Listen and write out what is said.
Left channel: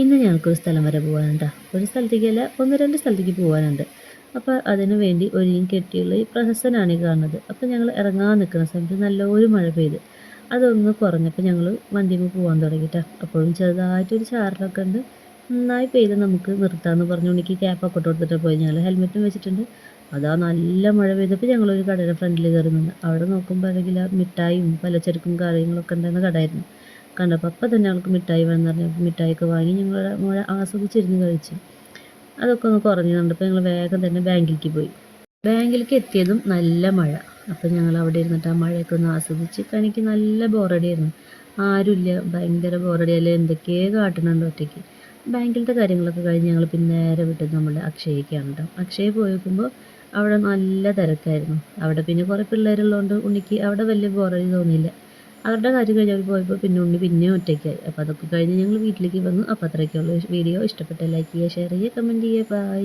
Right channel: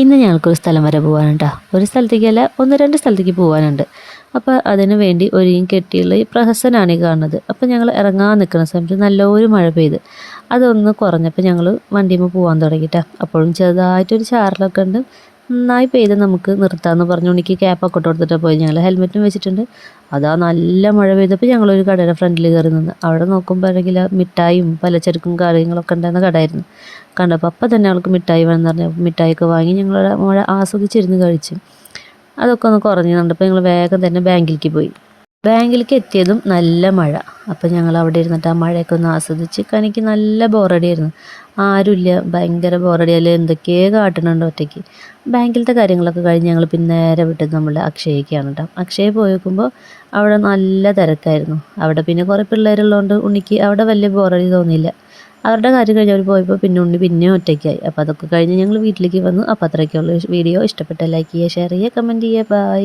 ഇന്ന് ഞങ്ങൾക്കൊരു സ്ഥലം വരെ പോകാനുണ്ടോ, ഒരു സ്ഥലത്തേക്കല്ല 1-2 സ്ഥലത്തേക്ക് പോകാനുണ്ട്. അപ്പോൾ അതിന് വേണ്ടി ഒരുങ്ങി കെട്ടിയുള്ള ഈ പ്രഹസനാണ് ഈ കാണുന്നത്. അപ്പോൾ ഞങ്ങൾ ഇറങ്ങാൻ നിൽക്കുന്ന സമയത്ത് നല്ലൊരു മഴ പെയ്ത് അതൊന്ന് കുറഞ്ഞപ്പോൾ ഞങ്ങൾ വണ്ടിയിൽ പോകാൻ തുടങ്ങിയിട്ടാ. അപ്പോഴും ചെറുതായിട്ടൊരു ചാറലൊക്കെ ഉണ്ട്. നന്നായി പെയ്ത് നമുക്ക് നിർത്താമെന്ന് പറഞ്ഞു ഉണ്ണിക്ക് ക്യാപ്പൊക്കെ ഇട്ട് കൊടുത്തിട്ട് പോയി. ഞങ്ങൾ ഹെൽമെറ്റും വെച്ചിട്ടുണ്ട്. അതാ നല്ല മഴ പെയ്തപ്പോൾ ഞങ്ങളൊരു കടയുടെ ഫ്രണ്ടിൽ കയറി നിന്ന് അവിടെ നോക്കുമ്പോൾ ആണെങ്കിൽ മിഠായും പലചരക്കും കാര്യങ്ങളൊക്കെ ഉണ്ടായിരുന്ന കടയായിരുന്നു. കണ്ടപ്പോൾ അപ്പം തന്നെ അവൾക്ക് മിഠായി വേണമെന്ന് പറഞ്ഞു മിഠായിയൊക്കെ വാങ്ങി ഞങ്ങൾ മഴ ആസ്വദിച്ചിരുന്ന് കഴിച്ചു. അതൊക്കെ ഒന്ന് കുറഞ്ഞു കണ്ടപ്പോൾ ഞങ്ങൾ വേഗം തന്നെ ബാങ്കിലേക്ക് പോയി. ബാങ്കിലേക്ക് എത്തിയതും നല്ല മഴ. അപ്പോൾ ഞങ്ങൾ അവിടെ ഇരുന്നിട്ട് ആ മഴയൊക്കെ ഒന്ന് ആസ്വദിച്ച്. എനിക്ക് നല്ല ബോറടിയായിരുന്നു. ആരുമില്ല, ഭയങ്കര ബോറടിയല്ലേ, എന്തൊക്കെയോ കാട്ടണുണ്ട് ഒറ്റയ്ക്ക്. ബാങ്കിലത്തെ കാര്യങ്ങളൊക്കെ കഴിഞ്ഞ് ഞങ്ങൾ പിന്നെ നേരെ വിട്ടത് നമ്മുടെ അക്ഷയയ്ക്കാണ് കേട്ടോ. അക്ഷയ പോയി നോക്കുമ്പോൾ അവിടെ നല്ല തിരക്കായിരുന്നു. അവിടെ പിന്നെ കുറേ പിള്ളേരുള്ളതുകൊണ്ട് ഉണ്ണിക്ക് അവിടെ വലിയ ബോറടി തോന്നിയില്ല. അവരുടെ കാര്യം കഴിഞ്ഞ് അവർ പോയപ്പോൾ പിന്നെ ഉണ്ണി പിന്നെയും ഒറ്റയ്ക്കായി. അപ്പോൾ അതൊക്കെ കഴിഞ്ഞ് ഞങ്ങൾ വീട്ടിലേക്ക് വന്നു. അപ്പോൾ അത്രയൊക്കെയുള്ള വീഡിയോ ഇഷ്ടപ്പെട്ട ലൈക്ക് ചെയ്യുക, ഷെയർ ചെയ്യുക, കമൻറ്റ് ചെയ്യുക. ബൈ.